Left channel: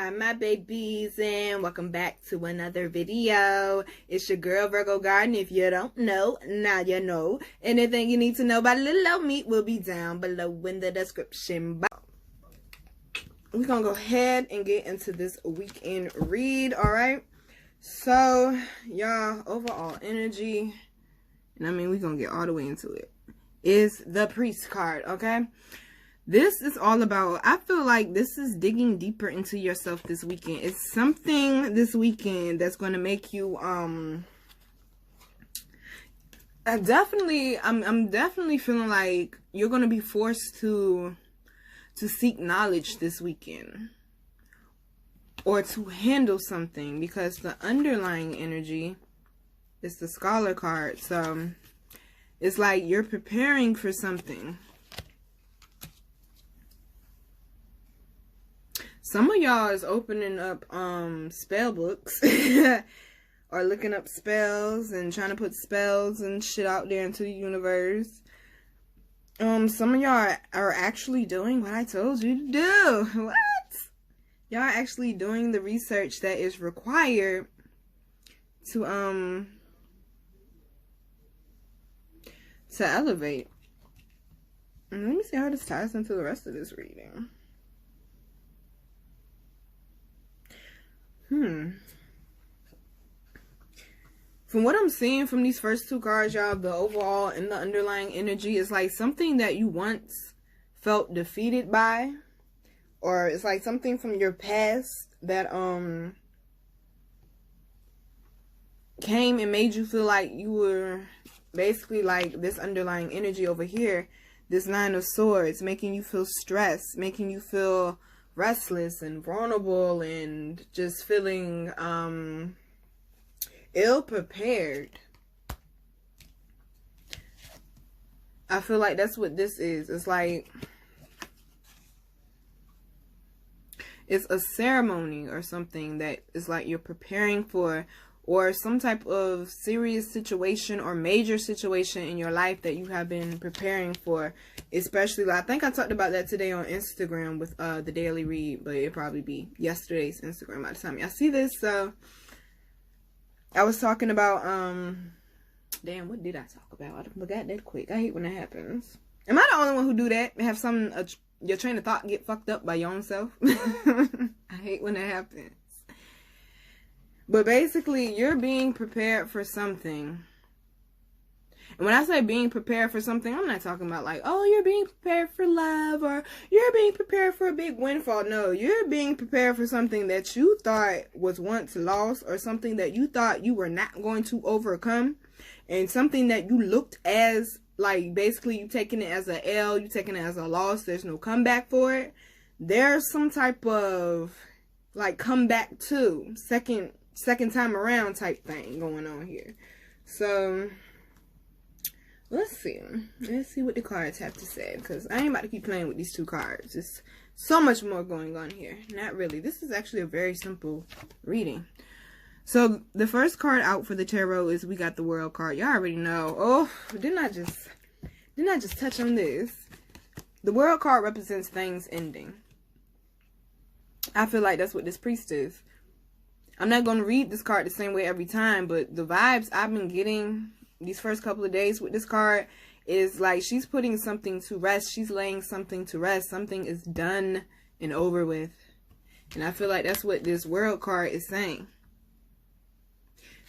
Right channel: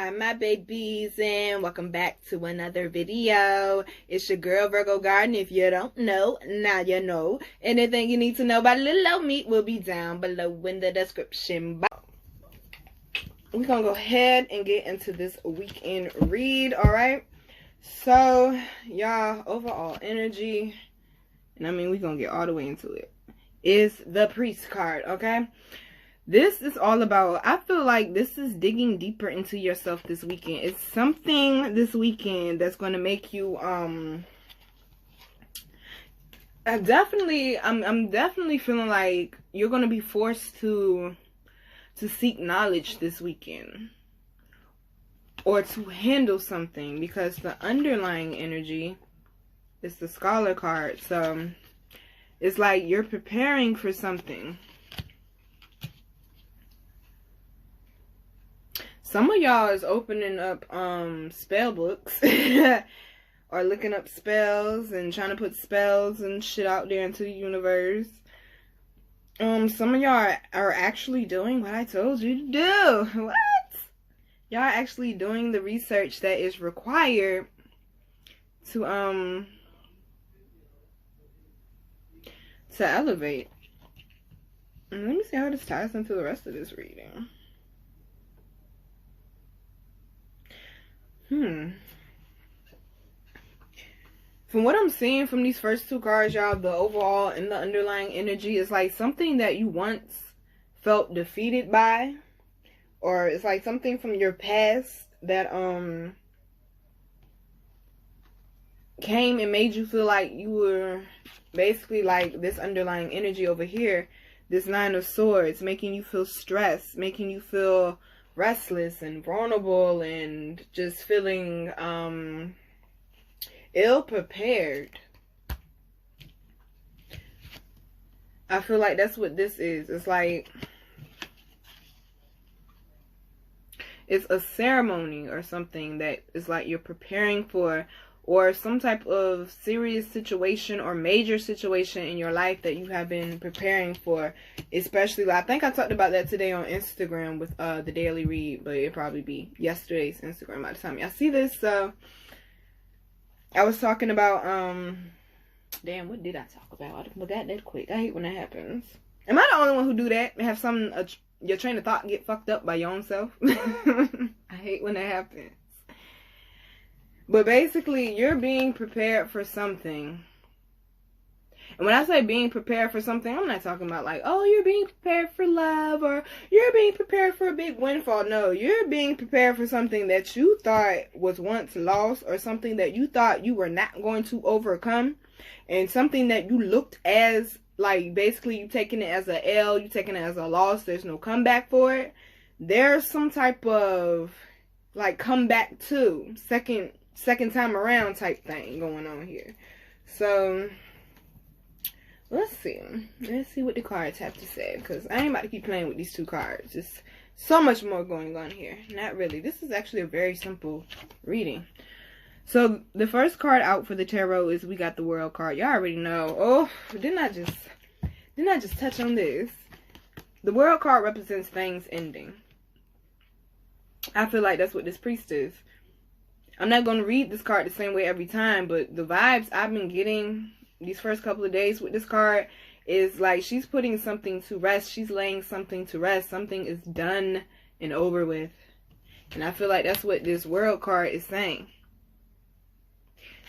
Hi my babies, and welcome back to another video. It's your girl Virgo Garden. If you don't know, now you know. Anything you need to know about little old me will be down below in the description box. We're gonna go ahead and get into this weekend read. All right, so y'all, overall energy, and I mean we're gonna get all the way into it, is the Priest card. Okay, this is all about, I feel like this is digging deeper into yourself this weekend. It's something this weekend that's going to make you, I'm definitely feeling like you're going to be forced to seek knowledge this weekend. Or to handle something, because the underlying energy is the Scholar card. So it's like you're preparing for something. Some of y'all is opening up spell books or looking up spells and trying to put spells and shit out there into the universe. Some of y'all are actually doing what I told you to do. What? Y'all are actually doing the research that is required to elevate. And let me see how this ties into the rest of this reading. From what I'm seeing from these first two cards, y'all, the overall and the underlying energy is like something that you once felt defeated by, or it's like something from your past that came and made you feel like you were basically like this underlying energy over here, this Nine of Swords, making you feel stressed, making you feel restless and vulnerable and just feeling ill-prepared. I feel like that's what this is. It's like it's a ceremony or something that is like you're preparing for, or some type of serious situation or major situation in your life that you have been preparing for. Especially, I think I talked about that today on Instagram with the daily read, but it'll probably be yesterday's Instagram by the time y'all see this. So I was talking about damn, what did I talk about? I forgot that quick. I hate when that happens. Am I the only one who do that? Have some your train of thought get fucked up by your own self? I hate when that happens. But basically, you're being prepared for something. And when I say being prepared for something, I'm not talking about like, oh, you're being prepared for love, or you're being prepared for a big windfall. No, you're being prepared for something that you thought was once lost, or something that you thought you were not going to overcome, and something that you looked as like, basically you taking it as a L, you taking it as a loss, there's no comeback for it. There's some type of like comeback too, second time around type thing going on here. So let's see what the cards have to say, because I ain't about to keep playing with these two cards. There's so much more going on here. Not really. This is actually a very simple reading. So the first card out for the tarot is, we got the World card. Y'all already know. Oh, didn't I just touch on this? The World card represents things ending. I feel like that's what this Priest is. I'm not going to read this card the same way every time, but the vibes I've been getting these first couple of days with this card is like she's putting something to rest. She's laying something to rest. Something is done and over with. And I feel like that's what this World card is saying.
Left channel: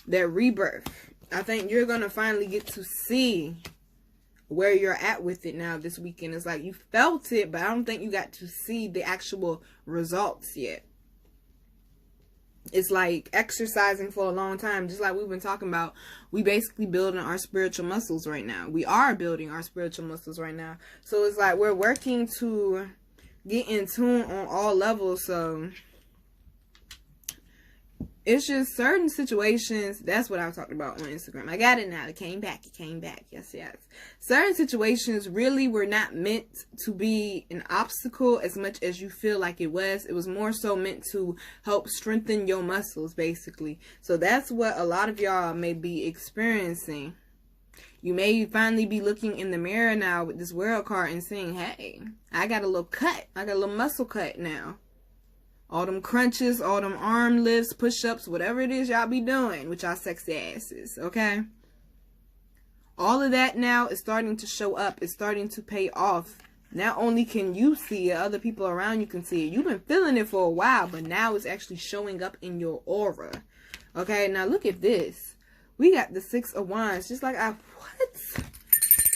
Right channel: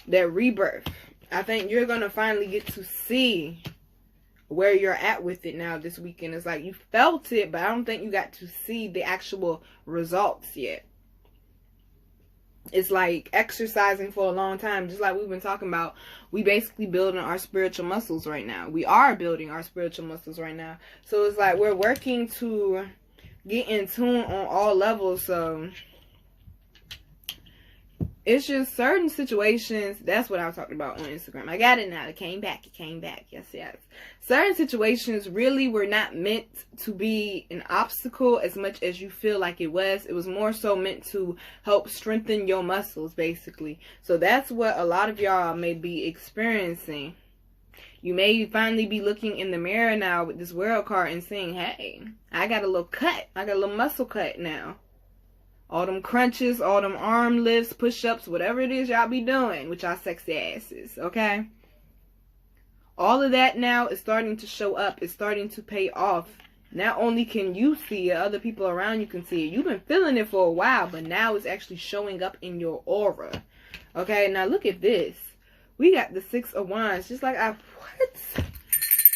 That rebirth. I think you're going to finally get to see where you're at with it now this weekend. It's like you felt it, but I don't think you got to see the actual results yet. It's like exercising for a long time, just like we've been talking about. We basically building our spiritual muscles right now. We are building our spiritual muscles right now. So it's like we're working to get in tune on all levels. So it's just certain situations. That's what I was talking about on Instagram. I got it now. It came back. Yes. Certain situations really were not meant to be an obstacle as much as you feel like it was. It was more so meant to help strengthen your muscles, basically. So that's what a lot of y'all may be experiencing. You may finally be looking in the mirror now with this World card and saying, hey, I got a little cut. I got a little muscle cut now. all them crunches, all them arm lifts, push-ups, whatever it is y'all be doing with y'all sexy asses, okay? All of that now is starting to show up. It's starting to pay off. Not only can you see it, other people around you can see it. You've been feeling it for a while, but now it's actually showing up in your aura. Okay, now look at this. We got the Six of Wands, just like what?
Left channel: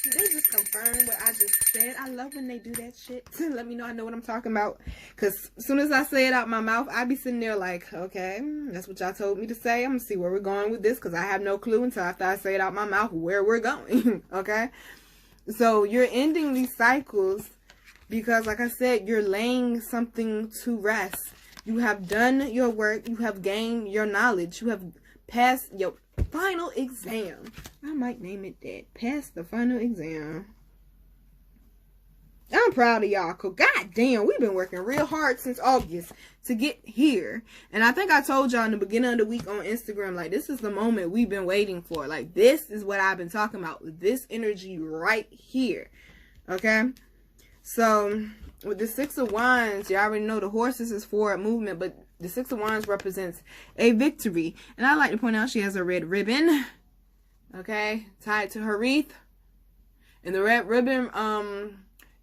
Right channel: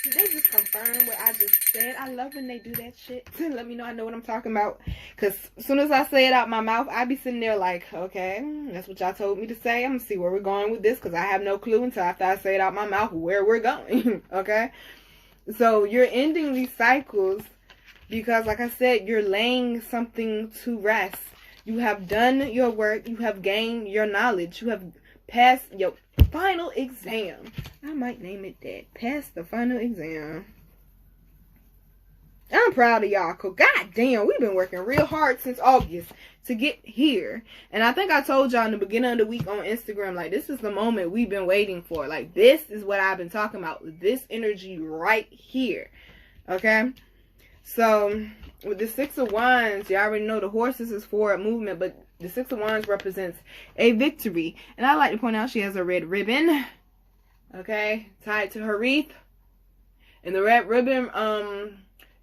They just confirm what I just said. I love when they do that shit. Let me know I know what I'm talking about. Because as soon as I say it out my mouth, I be sitting there like, okay, that's what y'all told me to say. I'm going to see where we're going with this. Because I have no clue until after I say it out my mouth where we're going. Okay? So you're ending these cycles because, like I said, you're laying something to rest. You have done your work. You have gained your knowledge. You have passed your final exam. I might name it that. Pass the final exam. I'm proud of y'all, cause goddamn, we've been working real hard since August to get here. And I think I told y'all in the beginning of the week on Instagram, like, this is the moment we've been waiting for. Like, this is what I've been talking about. This energy right here. Okay? So, with the Six of Wands, you already know the horses is forward movement, but the Six of Wands represents a victory. And I like to point out she has a red ribbon, okay, tied to her wreath. And the red ribbon,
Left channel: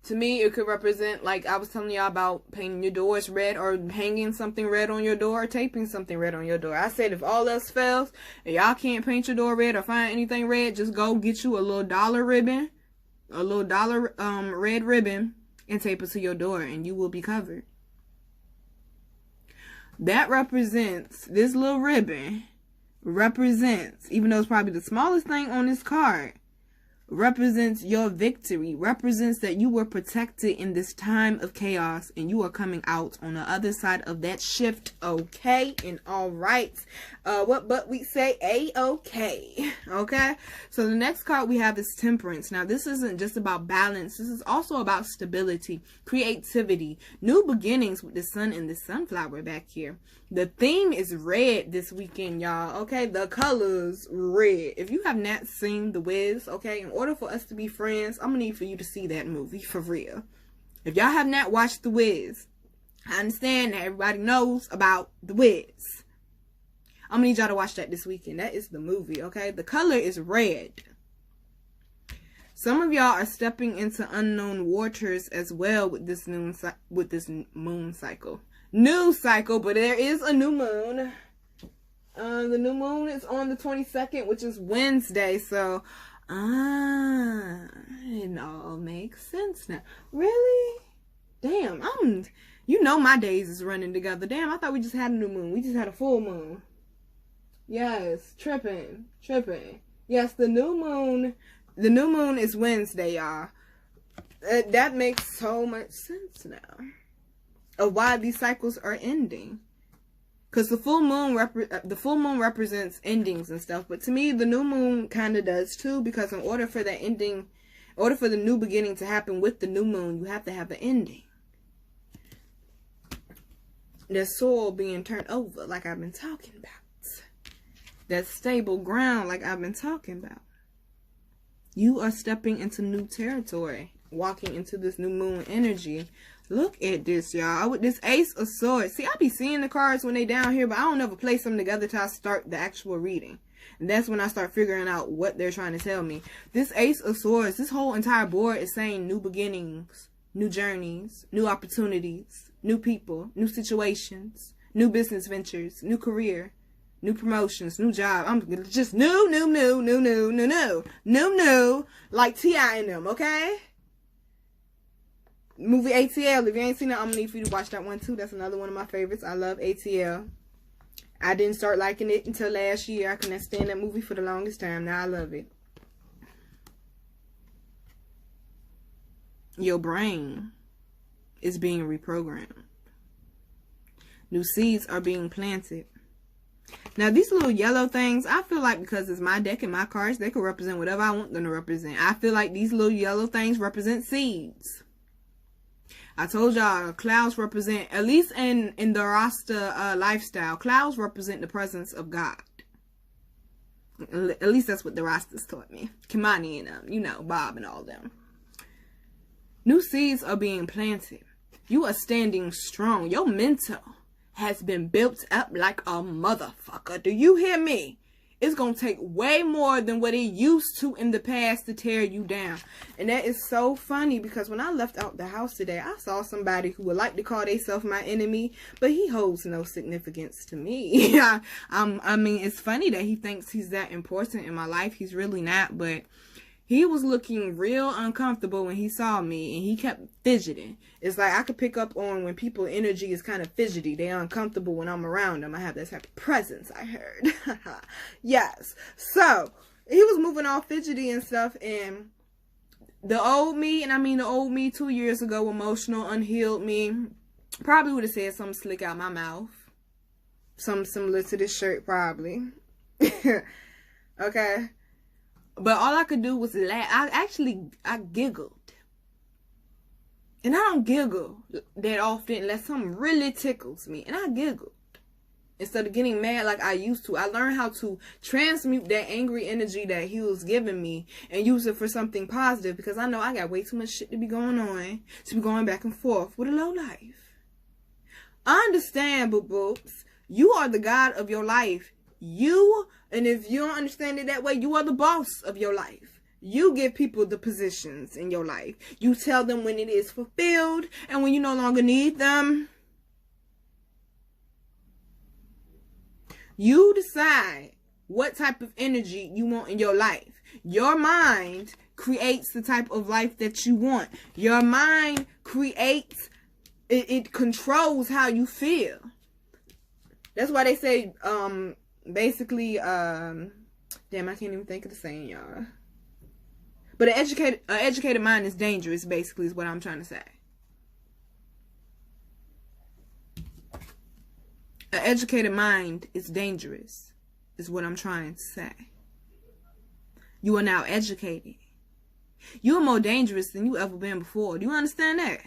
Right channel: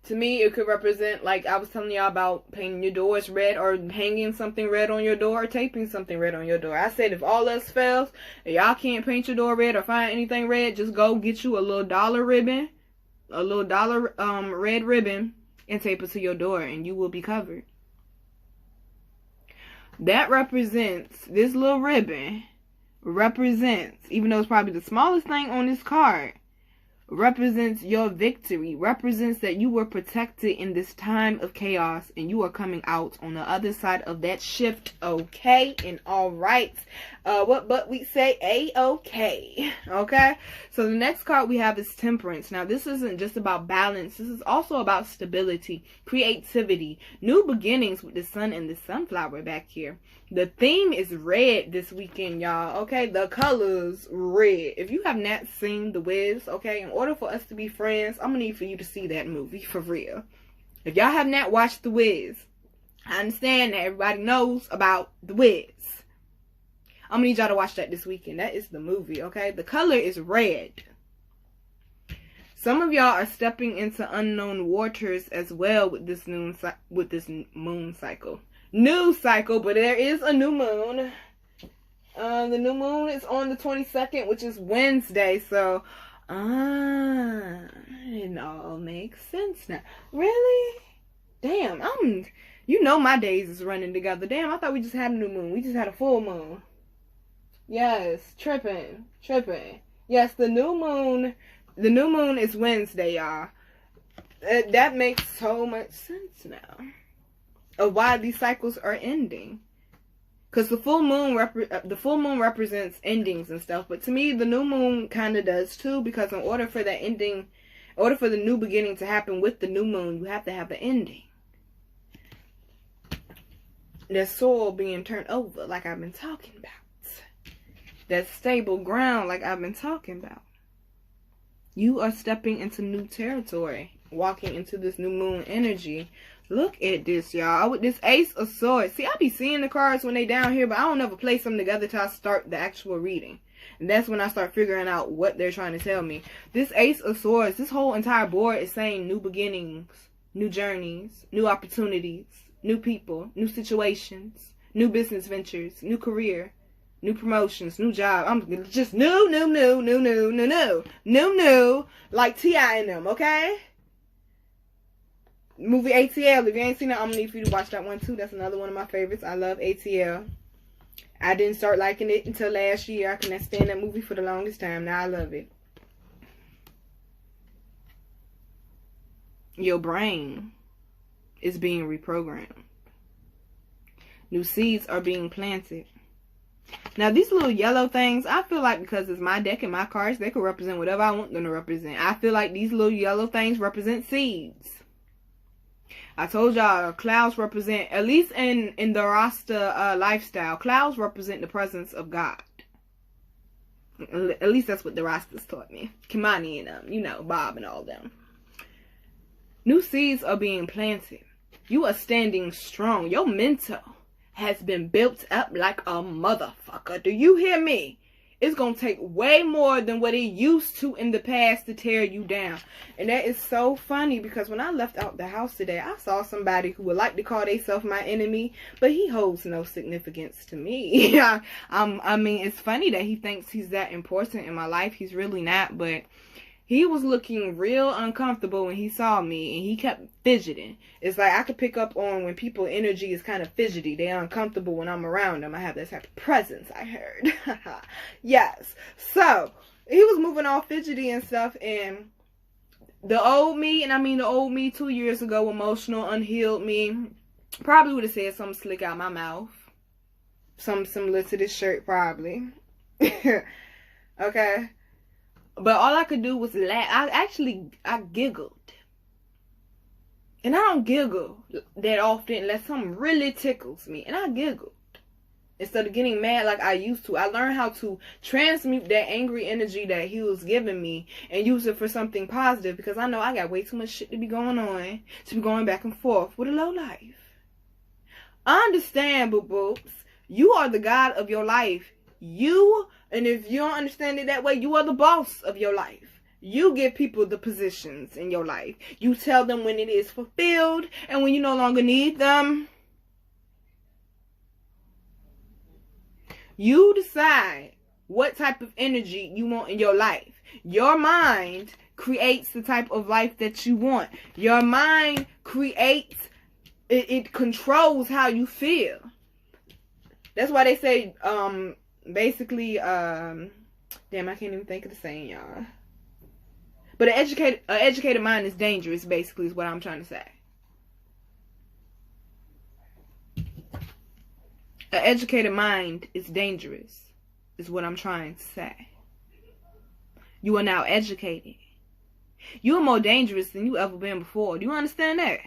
to me, it could represent, like I was telling y'all about painting your doors red or hanging something red on your door or taping something red on your door. I said if all else fails and y'all can't paint your door red or find anything red, just go get you a little dollar ribbon, a little dollar red ribbon, and tape it to your door and you will be covered. That represents, this little ribbon represents, even though it's probably the smallest thing on this card, represents your victory, represents that you were protected in this time of chaos and you are coming out on the other side of that shift, okay, and all right. But we say a-okay, okay? So the next card we have is Temperance. Now this isn't just about balance, this is also about stability, creativity, new beginnings with the sun and the sunflower back here. The theme is red this weekend, y'all, okay? The color's red. If you have not seen The Wiz, okay, in order for us to be friends, I'm gonna need for you to see that movie, for real. If y'all have not watched The Wiz, I understand that everybody knows about The Wiz. I'm gonna need y'all to watch that this weekend. That is the movie, okay? The color is red. Some of y'all are stepping into unknown waters as well with this moon cycle. New cycle, but there is a new moon. The new moon is on the 22nd, which is Wednesday. So, it all makes sense now. Really? Damn, you know my days is running together. Damn, I thought we just had a new moon. We just had a full moon. Yes, tripping. Yes, the new moon is Wednesday, y'all. That makes so much sense now of why these cycles are ending. Because the full moon represents endings and stuff, but to me the new moon kind of does too, because in order for that ending, in order for the new beginning to happen with the new moon, you have to have an ending. There's soil being turned over, like I've been talking about. That stable ground, like I've been talking about. You are stepping into new territory, walking into this new moon energy. Look at this, y'all. With this Ace of Swords. See, I be seeing the cards when they down here, but I don't ever place them together till I start the actual reading. And that's when I start figuring out what they're trying to tell me. This Ace of Swords, this whole entire board is saying new beginnings, new journeys, new opportunities, new people, new situations, new business ventures, new career, new promotions, new job. I'm just new, like T.I. and them, okay? Movie ATL, if you ain't seen it, I'm gonna need for you to watch that one too. That's another one of my favorites. I love ATL. I didn't start liking it until last year. I could not stand that movie for the longest time. Now I love it. Your brain is being reprogrammed. New seeds are being planted. Now, these little yellow things, I feel like because it's my deck and my cards, they could represent whatever I want them to represent. I feel like these little yellow things represent seeds. I told y'all clouds represent, at least in the Rasta lifestyle, clouds represent the presence of God. At least that's what the Rastas taught me. Kimani and you know, Bob and all them. New seeds are being planted. You are standing strong. Your mental has been built up like a motherfucker. Do you hear me? It's going to take way more than what it used to in the past to tear you down. And that is so funny because when I left out the house today, I saw somebody who would like to call themselves my enemy, but he holds no significance to me. I mean, it's funny that he thinks he's that important in my life. He's really not, but he was looking real uncomfortable when he saw me, and he kept fidgeting. It's like I could pick up on when people's energy is kind of fidgety. They're uncomfortable when I'm around them. I have that type of presence, I heard. Yes. So, he was moving all fidgety and stuff, and the old me, and I mean the old me 2 years ago, emotional, unhealed me, probably would have said something slick out my mouth. Something similar to this shirt, probably. Okay. But all I could do was laugh. I giggled. And I don't giggle that often unless something really tickles me. And I giggled. Instead of getting mad like I used to. I learned how to transmute that angry energy that he was giving me and use it for something positive. Because I know I got way too much shit to be going on. To be going back and forth with a low life. Understand, boo-boos. You are the God of your life. And if you don't understand it that way, you are the boss of your life. You give people the positions in your life. You tell them when it is fulfilled and when you no longer need them. You decide what type of energy you want in your life. Your mind creates the type of life that you want. Your mind creates, it controls how you feel. That's why they say, basically, damn, I can't even think of the saying, y'all. But an educated mind is dangerous, basically, is what I'm trying to say. An educated mind is dangerous, is what I'm trying to say. You are now educated. You are more dangerous than you ever been before. Do you understand that?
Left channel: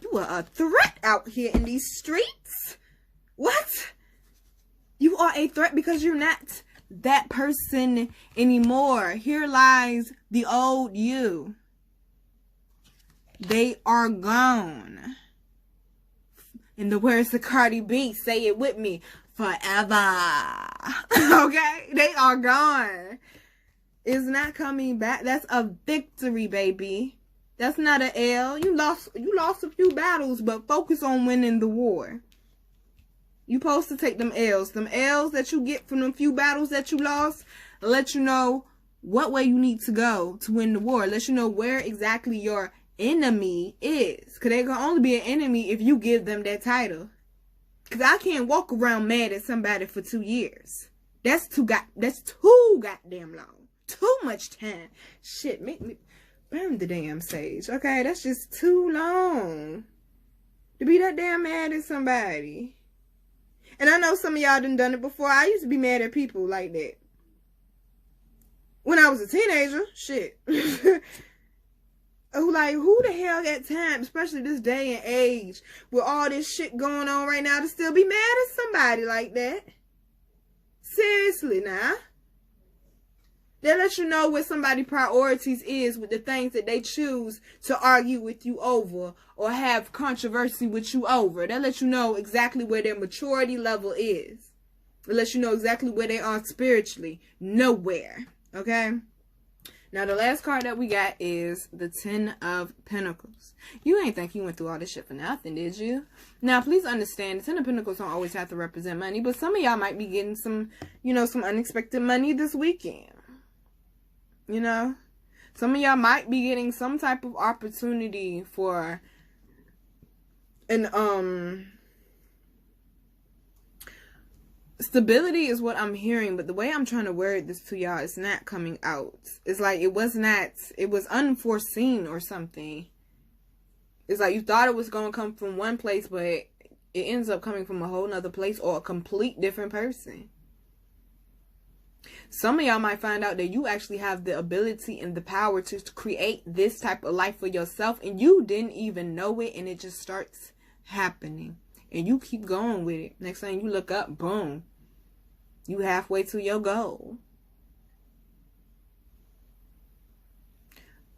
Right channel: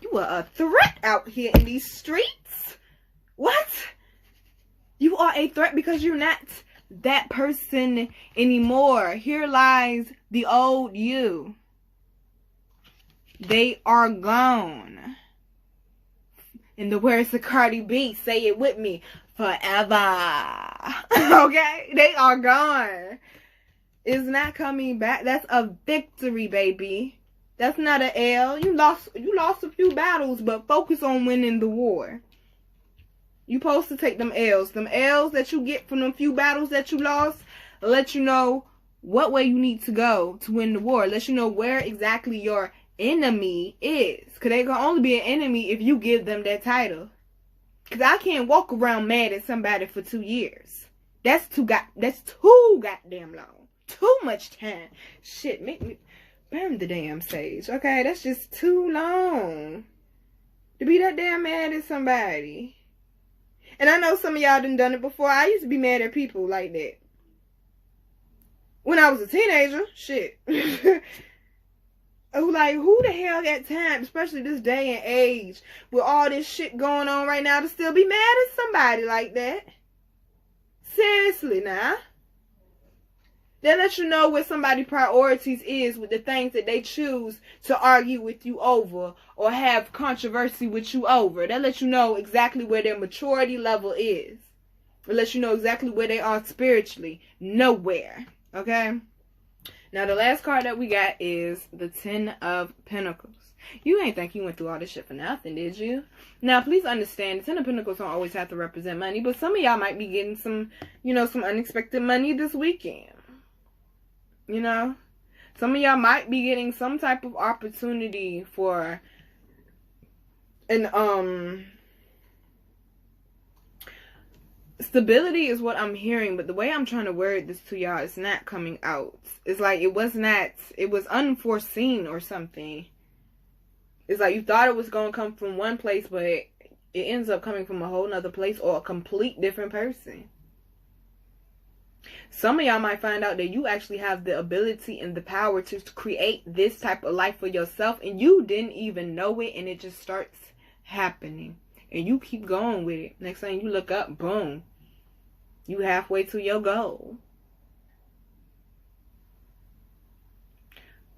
You are a threat out here in these streets. What? You are a threat because you're not that person anymore. Here lies the old you. They are gone. In the words of Cardi B, say it with me, forever. Okay? They are gone. It's not coming back. That's a victory, baby. That's not an L. You lost a few battles, but focus on winning the war. You supposed to take them L's. Them L's that you get from them few battles that you lost, let you know what way you need to go to win the war. Let you know where exactly your enemy is. Because they can only be an enemy if you give them that title. Because I can't walk around mad at somebody for 2 years. That's too goddamn long. Too much time. Shit, make me burn the damn sage. Okay, that's just too long to be that damn mad at somebody. And I know some of y'all done it before. I used to be mad at people like that. When I was a teenager, shit. Like, who the hell got time, especially this day and age, with all this shit going on right now, to still be mad at somebody like that? Seriously, now. That lets you know what somebody's priorities is with the things that they choose to argue with you over or have controversy with you over. That lets you know exactly where their maturity level is. It lets you know exactly where they are spiritually. Nowhere. Okay? Now, the last card that we got is the 10 of Pentacles. You ain't think you went through all this shit for nothing, did you? Now, please understand, the 10 of Pentacles don't always have to represent money, but some of y'all might be getting some, some unexpected money this weekend. Some of y'all might be getting some type of opportunity for an, stability is what I'm hearing, but the way I'm trying to word this to y'all is not coming out. It's like it was unforeseen or something. It's like you thought it was going to come from one place, but it ends up coming from a whole nother place or a complete different person. Some of y'all might find out that you actually have the ability and the power to create this type of life for yourself, and you didn't even know it, and it just starts happening. And you keep going with it. Next thing you look up, boom. You halfway to your goal.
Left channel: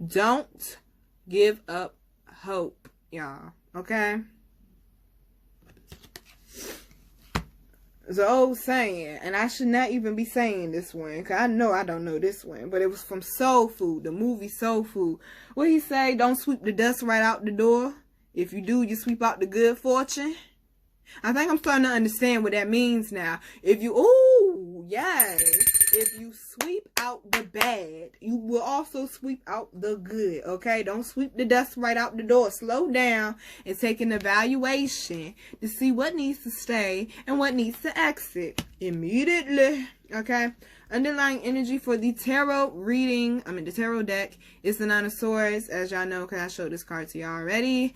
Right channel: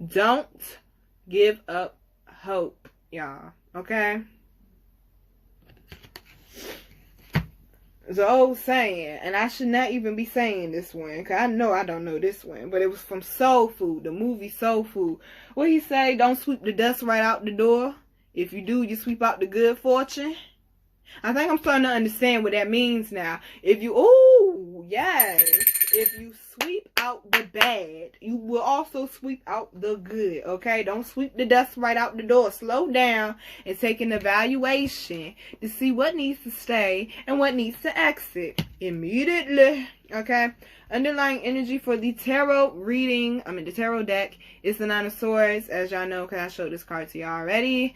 Don't give up hope, y'all. Okay? It's an old saying, and I should not even be saying this one, because I know I don't know this one, but it was from Soul Food, the movie Soul Food. What he say? Don't sweep the dust right out the door. If you do, you sweep out the good fortune. I think I'm starting to understand what that means now. If you, ooh, yes. If you sweep out the bad, you will also sweep out the good, okay? Don't sweep the dust right out the door. Slow down and take an evaluation to see what needs to stay and what needs to exit immediately, okay? Underlying energy for the tarot reading, the tarot deck, is the Nine of Swords, as y'all know, because I showed this card to y'all already.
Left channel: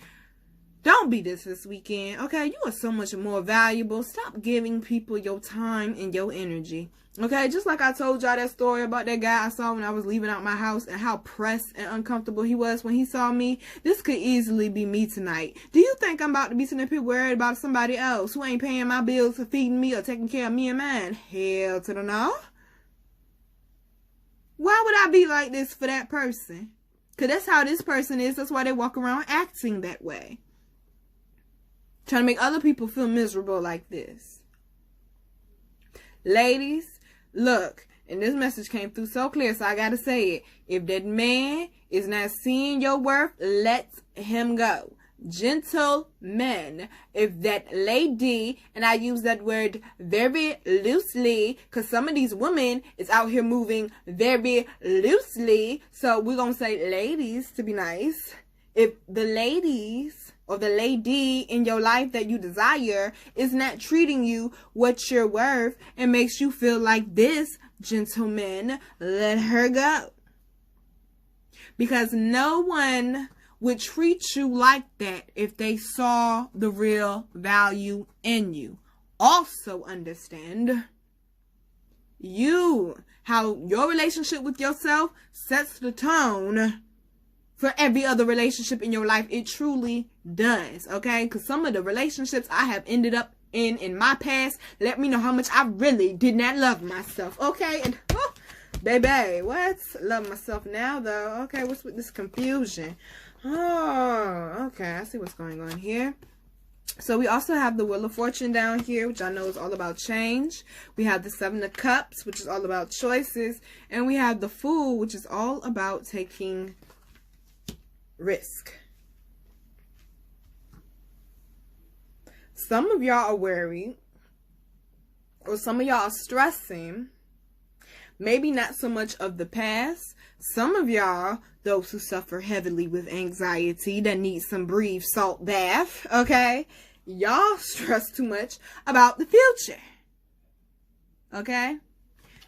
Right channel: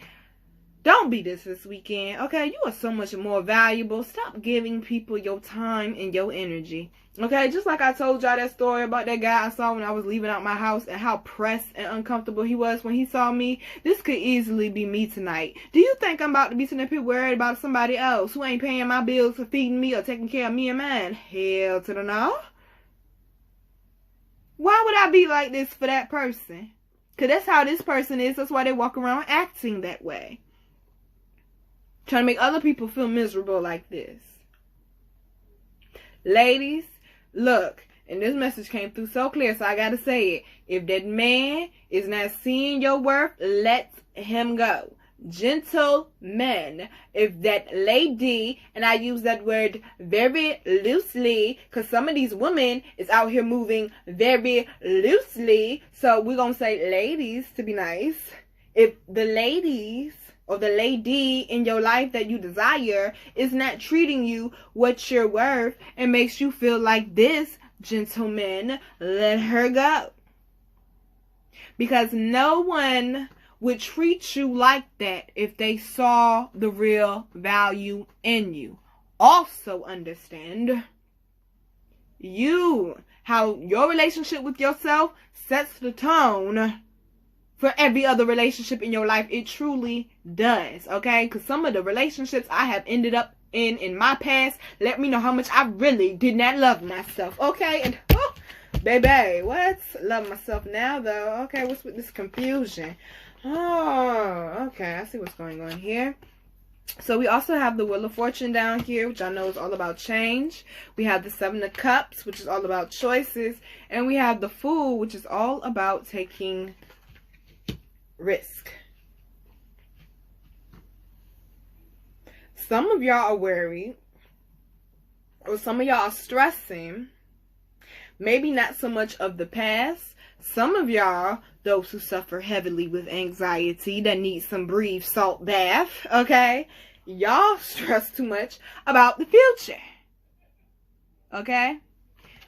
Don't be this weekend, okay? You are so much more valuable. Stop giving people your time and your energy, okay? Just like I told y'all that story about that guy I saw when I was leaving out my house and how pressed and uncomfortable he was when he saw me. This could easily be me tonight. Do you think I'm about to be sitting up here worried about somebody else who ain't paying my bills for feeding me or taking care of me and mine? Hell to the no. Why would I be like this for that person? Because that's how this person is. That's why they walk around acting that way. Trying to make other people feel miserable like this. Ladies, look, and this message came through so clear, so I gotta say it. If that man is not seeing your worth, let him go. Gentlemen, if that lady, and I use that word very loosely, because some of these women is out here moving very loosely, so we're gonna say ladies to be nice. If the ladies or the lady in your life that you desire is not treating you what you're worth and makes you feel like this, gentlemen, let her go. Because no one would treat you like that if they saw the real value in you. Also understand, how your relationship with yourself sets the tone for every other relationship in your life. It truly does, okay? Because some of the relationships I have ended up in my past let me know how much I really did not love myself, okay? And baby, what? Love myself now, though. Okay, what's with this confusion? Oh, okay, I see what's going on here. So we also have the Wheel of Fortune down here, which I know is all about change. We have the Seven of Cups, which is all about choices. And we have the Fool, which is all about taking risk. Some of y'all are worried, or some of y'all are stressing. Maybe not so much of the past. Some of y'all, those who suffer heavily with anxiety, that need some breathe salt bath, okay? Y'all stress too much about the future, okay?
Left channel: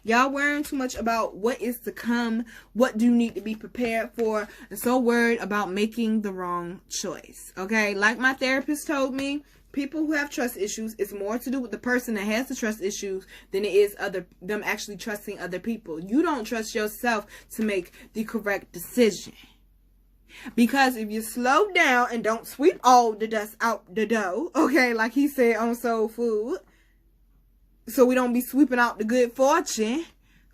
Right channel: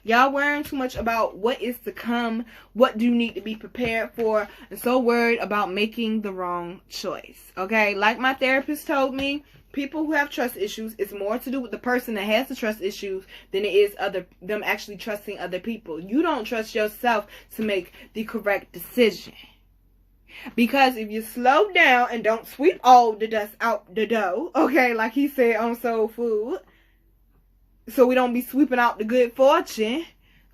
Y'all worrying too much about what is to come, what do you need to be prepared for, and so worried about making the wrong choice, okay? Like my therapist told me, people who have trust issues, it's more to do with the person that has the trust issues than it is them actually trusting other people. You don't trust yourself to make the correct decision. Because if you slow down and don't sweep all the dust out the dough, okay, like he said on Soul Food, so we don't be sweeping out the good fortune,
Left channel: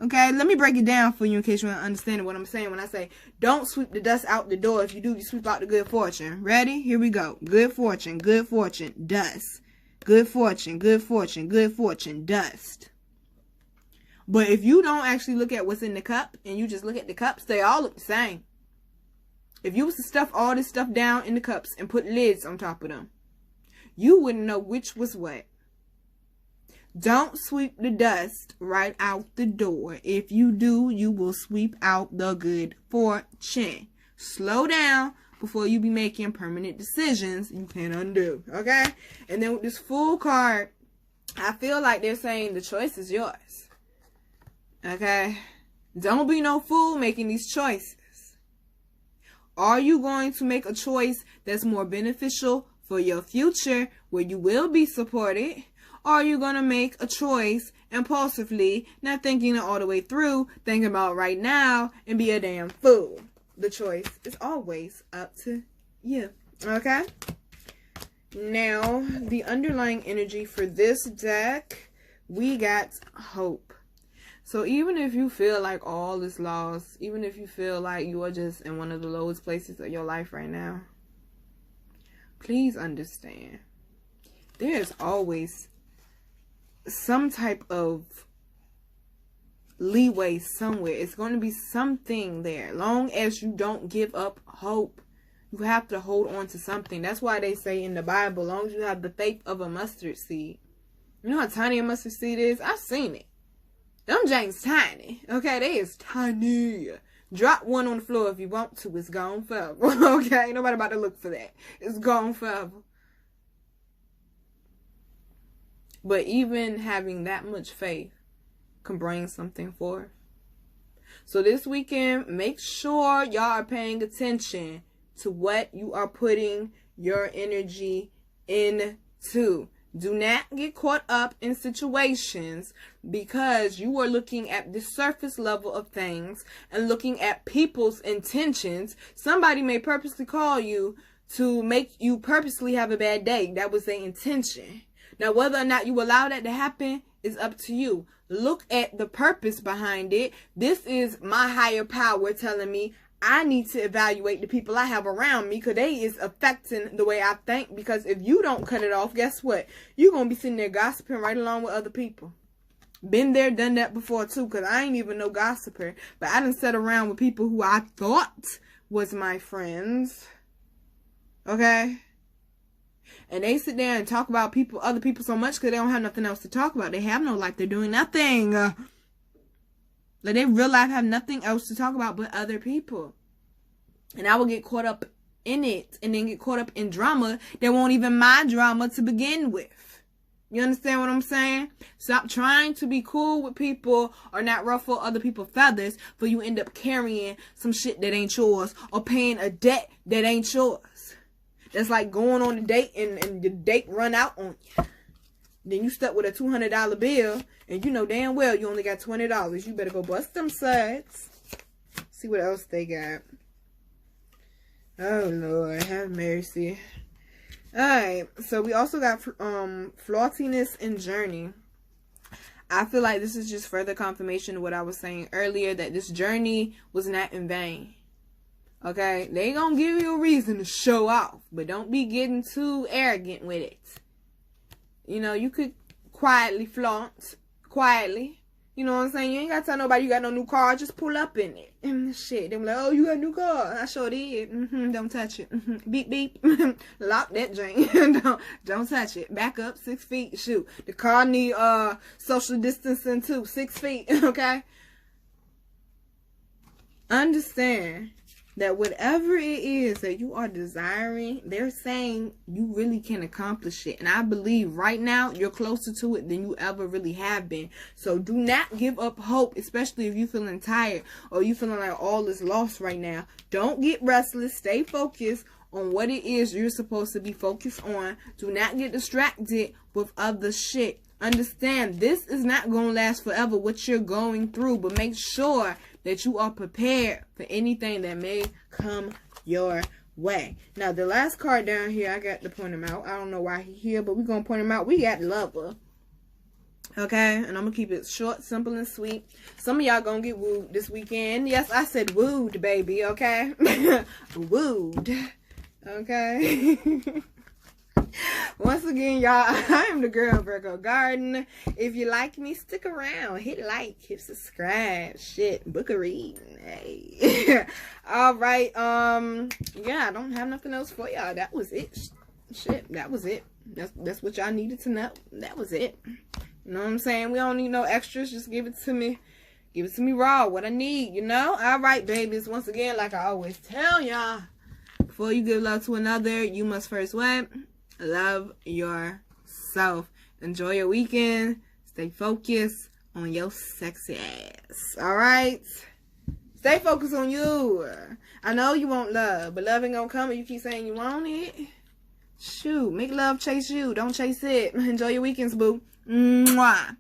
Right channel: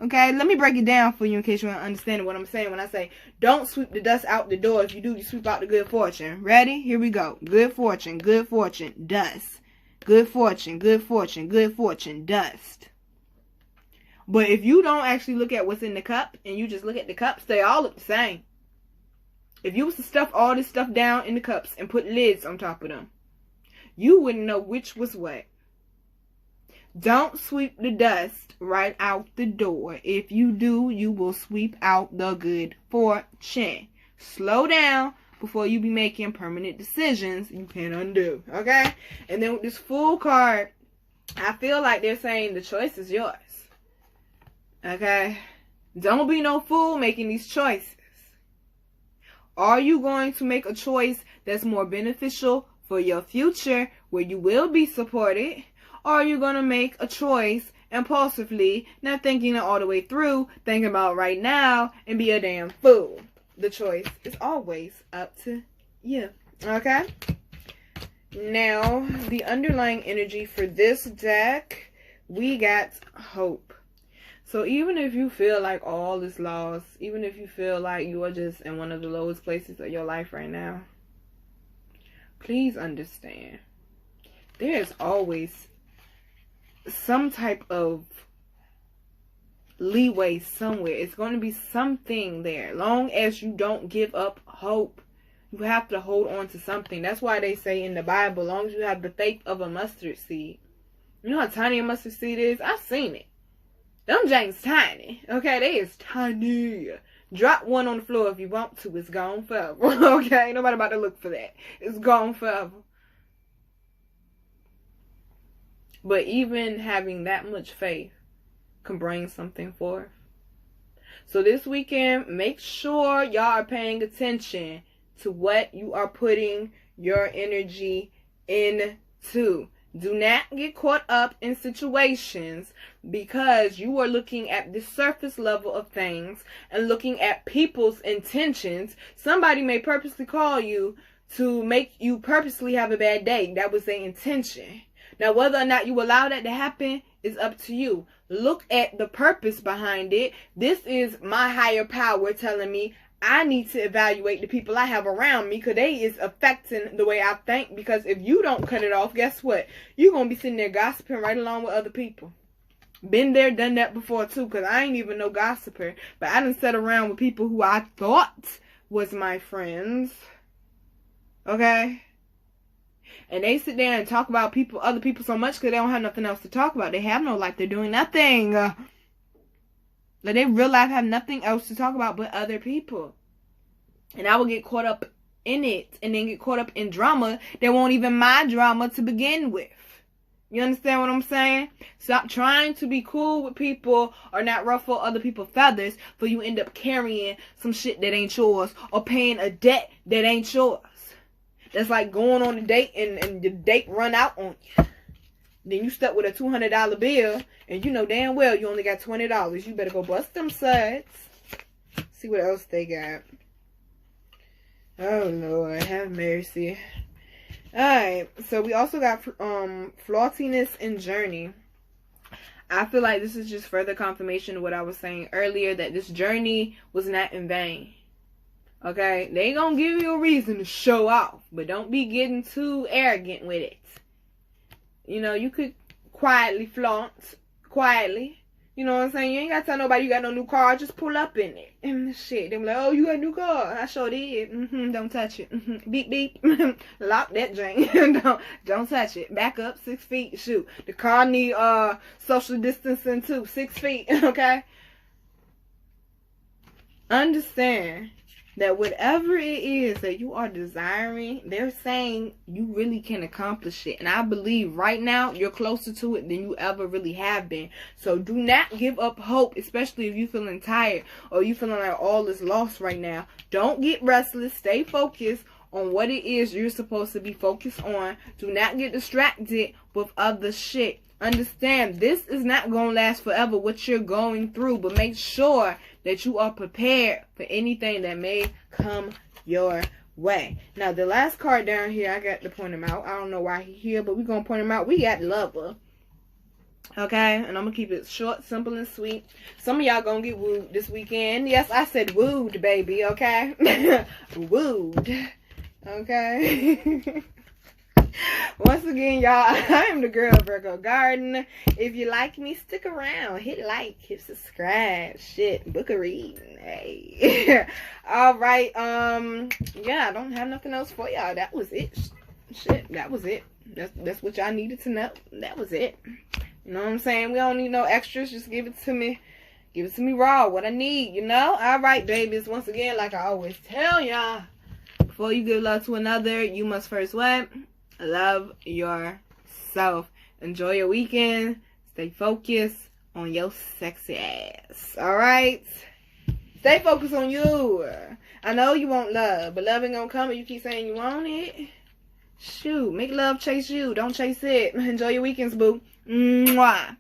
okay? Let me break it down for you in case you don't understand what I'm saying when I say don't sweep the dust out the door. If you do, you sweep out the good fortune. Ready? Here we go. Good fortune, dust. Good fortune, dust. But if you don't actually look at what's in the cup and you just look at the cups, they all look the same. If you was to stuff all this stuff down in the cups and put lids on top of them, you wouldn't know which was what. Don't sweep the dust right out the door. If you do, you will sweep out the good fortune. Slow down before you be making permanent decisions you can undo, okay? And then with this Fool card, I feel like they're saying the choice is yours, okay? Don't be no fool making these choices. Are you going to make a choice that's more beneficial for your future, where you will be supported? Or are you going to make a choice impulsively, not thinking it all the way through, thinking about right now, and be a damn fool? The choice is always up to you, okay? Now, the underlying energy for this deck, we got hope. So even if you feel like all is lost, even if you feel like you are just in one of the lowest places of your life right now, please understand, there is always some type of leeway somewhere. It's going to be something there. Long as you don't give up hope, you have to hold on to something. That's why they say in the Bible, long as you have the faith of a mustard seed. You know how tiny a mustard seed is? I've seen it. Them James tiny. Okay, they is tiny. Drop one on the floor if you want to. It's gone forever. Okay, nobody about to look for that. It's gone forever. But even having that much faith can bring something forth. So this weekend, make sure y'all are paying attention to what you are putting your energy into. Do not get caught up in situations because you are looking at the surface level of things and looking at people's intentions. Somebody may purposely call you to make you purposely have a bad day. That was their intention. Now, whether or not you allow that to happen is up to you. Look at the purpose behind it. This is my higher power telling me I need to evaluate the people I have around me because they is affecting the way I think. Because if you don't cut it off, guess what? You're going to be sitting there gossiping right along with other people. Been there, done that before too, because I ain't even no gossiper. But I done sat around with people who I thought was my friends. Okay? And they sit there and talk about other people so much because they don't have nothing else to talk about. They have no life. They're doing nothing. Like, they real life have nothing else to talk about but other people. And I will get caught up in it and then get caught up in drama that won't even my drama to begin with. You understand what I'm saying? Stop trying to be cool with people or not ruffle other people's feathers, but you end up carrying some shit that ain't yours or paying a debt that ain't yours. That's like going on a date and the date run out on you. Then you stuck with a $200 bill and you know damn well you only got $20. You better go bust them suds. See what else they got. Oh Lord, have mercy. Alright, so we also got flawtiness and journey. I feel like this is just further confirmation of what I was saying earlier, that this journey was not in vain. Okay, they gonna give you a reason to show off, but don't be getting too arrogant with it. You know, you could quietly flaunt, quietly. You know what I'm saying? You ain't gotta tell nobody you got no new car. Just pull up in it. And shit, they be like, oh, you got a new car. I sure did. Don't touch it. Beep, beep. Lock that drain. don't touch it. Back up 6 feet. Shoot. The car need social distancing too. 6 feet. Okay? Understand that whatever it is that you are desiring, they're saying you really can accomplish it. And I believe right now you're closer to it than you ever really have been. So do not give up hope, especially if you're feeling tired or you feeling like all is lost right now. Don't get restless. Stay focused on what it is you're supposed to be focused on. Do not get distracted with other shit. Understand, this is not going to last forever, what you're going through. But make sure that you are prepared for anything that may come your way. Now, the last card down here, I got to point him out. I don't know why he's here, but we're going to point him out. We got Lover. Okay? And I'm going to keep it short, simple, and sweet. Some of y'all going to get wooed this weekend. Yes, I said wooed, baby. Okay? Wooed. Okay? Once again, y'all, I am the girl Virgo Garden. If you like me, stick around. Hit like, hit subscribe. Shit, book a reading. Hey. All right. Yeah, I don't have nothing else for y'all. That was it. Shit, that was it. That's what y'all needed to know. That was it. You know what I'm saying? We don't need no extras. Just give it to me. Give it to me raw. What I need, you know? All right, babies. Once again, like I always tell y'all, before you give love to another, you must first what? Love yourself. Enjoy your weekend. Stay focused on your sexy ass. Alright? Stay focused on you. I know you want love, but love ain't gonna come and you keep saying you want it. Shoot, make love chase you. Don't chase it. Enjoy your weekends, boo. Mwah.